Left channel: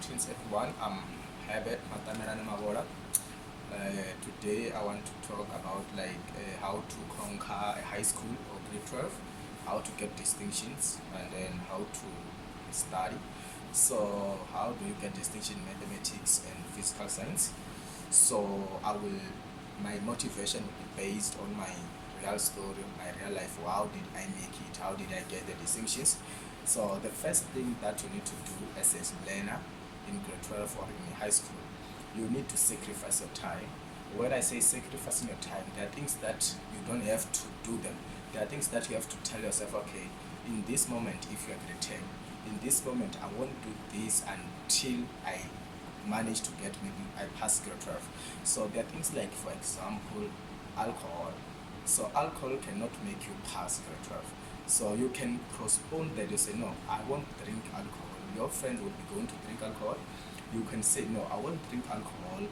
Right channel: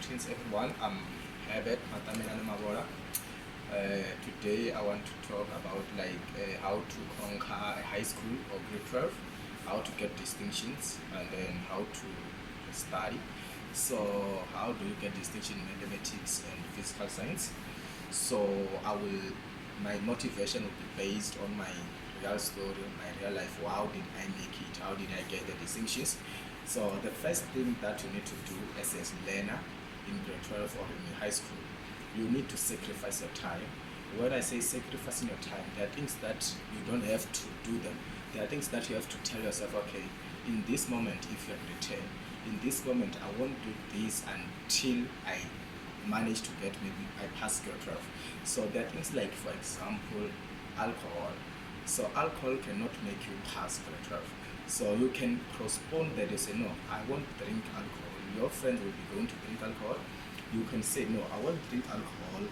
Greetings everyone, I'm Herbert Matamelane Mabola. Today I want to talk about how to conquer a high school or grade 12, how to get distinctions, and then how to study. So how do you get distinction in mathematics and physical science? So my motivation will be based on my real story, my real life. How did I make it? How did I get the distinctions? So the first thing that you need to do as a learner in grade 12 or in high school, you need to sacrifice your time. When I say sacrificing your time, there are things that you don't have to do them. There are things that you have to tell yourself, okay, in this moment, if you're grade 10, in this moment, I won't do this until I manage to get, maybe I pass grade 12. So there are things like, for example, alcohol. So alcohol cannot make you pass grade 12. So you can postpone that. You say, no, I won't drink alcohol. Your friend will be going to drink alcohol. You can say, no, I won't drink alcohol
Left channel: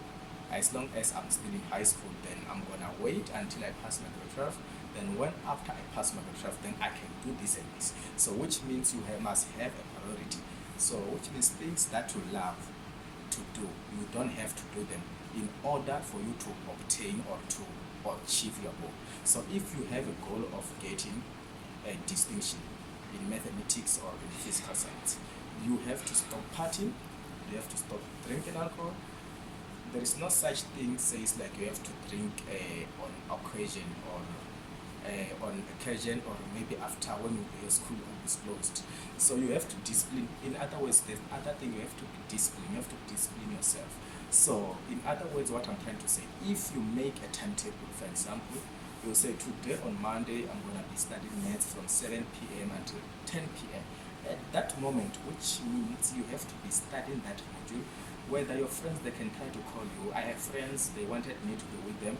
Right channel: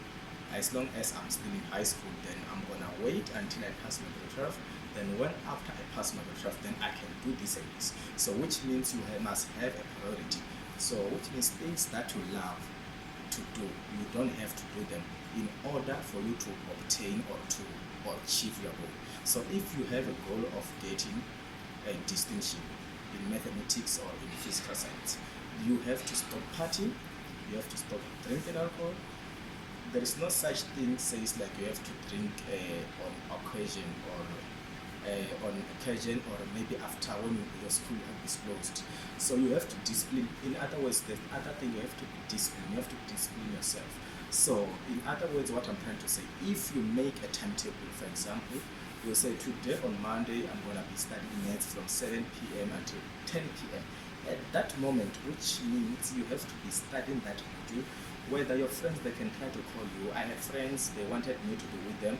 as long as I'm still in high school. Then I'm gonna wait until I pass my grade 12. Then when after I pass my grade 12, then I can do this and this. So which means you must have a priority. So which means things that you love to do, you don't have to do them in order for you to obtain or to achieve your goal. So if you have a goal of getting a distinction in mathematics or in physical science, you have to stop partying, you have to stop drinking alcohol. There is no such thing says like you have to drink on occasion or maybe after when your school is closed. So you have to discipline. In other words, there's other thing, you have to discipline. You have to discipline yourself. So in other words, what I'm trying to say, if you make a timetable, for example, you say today on Monday I'm going to be studying maths from 7 p.m. until 10 p.m. At that moment, which means you have to be studying that module. Whether your friends, they can try to call you. I have friends, they wanted me to be with them.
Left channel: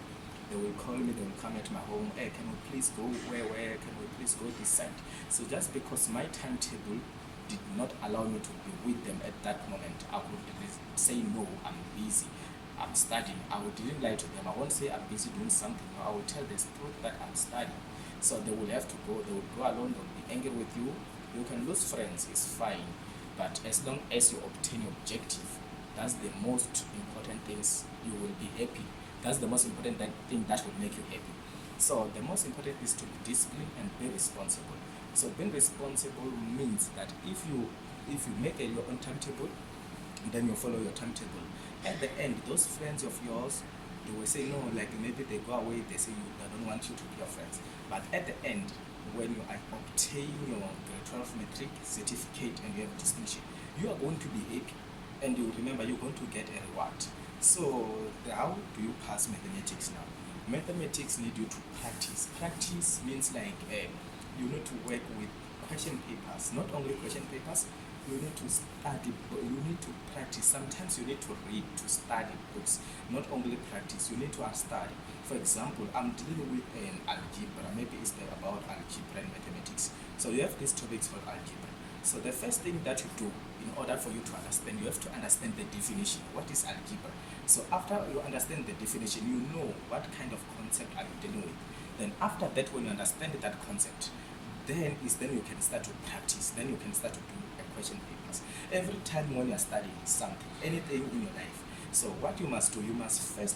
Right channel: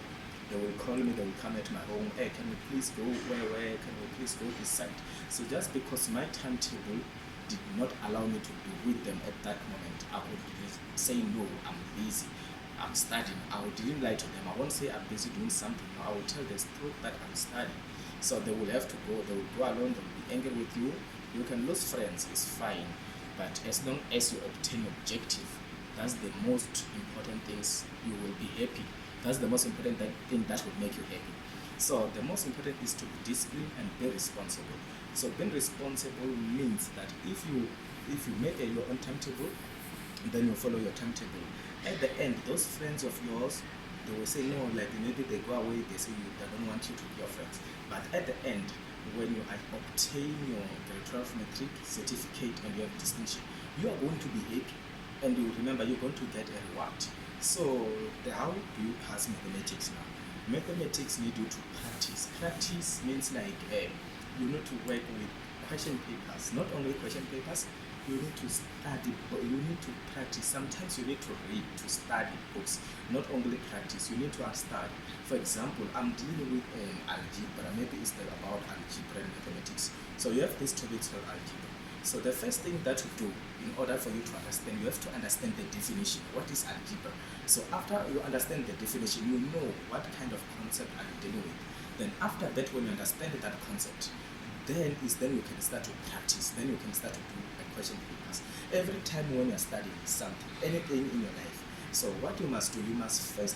They will call me, they will come at my home. Hey, can we please go where? Can we please go this side? So just because my timetable did not allow me to be with them at that moment, I would say no, I'm busy, I'm studying. I didn't lie to them. I won't say I'm busy doing something. No, I will tell the truth that I'm studying. So they will have to go. They will go alone. They will be angry with you. You can lose friends, it's fine. But as long as you obtain your objective, that's the most important things. You will be happy. That's the most important thing that will make you happy. So the most important is to be disciplined and be responsible. So being responsible means that if you make your own timetable, then you follow your timetable. At the end, those friends of yours, they will say no, like maybe they go away, they say they don't want you to be your friends. But at the end, when you obtain your grade 12 metric certificate and you have distinction, you are going to be happy, and you remember you're going to get a reward. So how do you pass mathematics now? Mathematics need you to practice. Practice means like you need to work with question papers. Not only question papers, you need to study, but you need to practice. Sometimes you need to read, to study books. Not only practice, you need to study. For example, I'm dealing with an algebra. Maybe it's about algebra and mathematics. So you have these topics for algebra. So the first thing that you do in order for you to understand, you have to understand the definition. What is algebra? So after you understand the definition, you know what kind of concept are you dealing with. Then after that, when you understand that concept, then you can start to practice. Then you can start to do question papers. Every time when you're studying something, anything in your life, so what you must do, you must first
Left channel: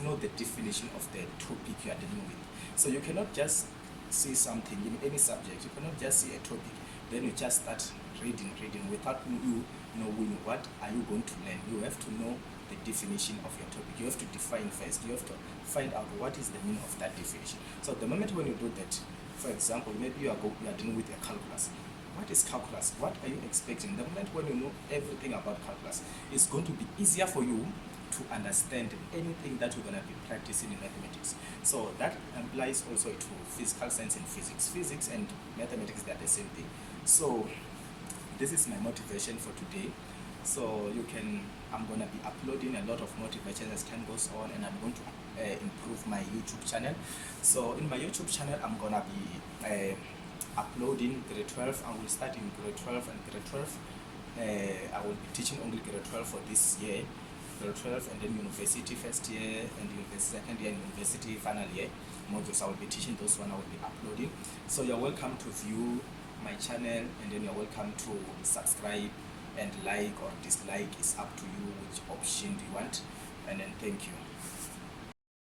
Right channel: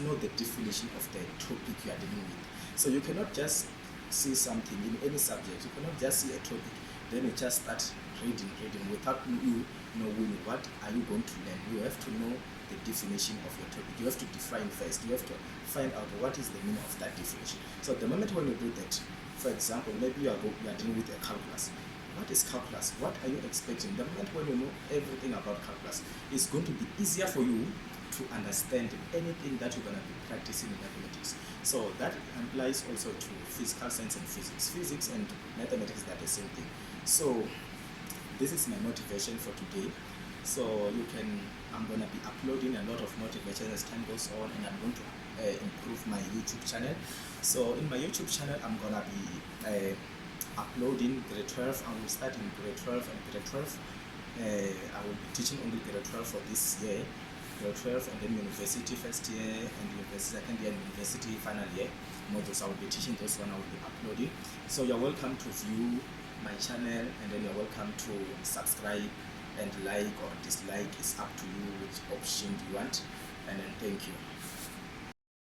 know the definition of the topic you are dealing with. So you cannot just see something in any subject. You cannot just see a topic, then you just start reading without you knowing what are you going to learn. You have to know the definition of your topic. You have to define first. You have to find out what is the meaning of that definition. So the moment when you do that, for example, maybe you are dealing with a calculus. What is calculus? What are you expecting? The moment when you know everything about calculus, it's going to be easier for you to understand anything that you're going to be practicing in mathematics. So that applies also to physical science and physics. Physics and mathematics, they're the same thing. So this is my motivation for today. So I'm going to be uploading a lot of motivation as time goes on, and I'm going to improve my YouTube channel. So in my YouTube channel, I'm going to be uploading grade 12. I will start in grade 12 and grade 12. I will be teaching only grade 12 for this year, grade 12, and then university first year, and university second year, and university final year modules. I will be teaching those one. I will be uploading. So you're welcome to view my channel, and then you're welcome to subscribe and like or dislike is up to you which option do you want. And then thank you.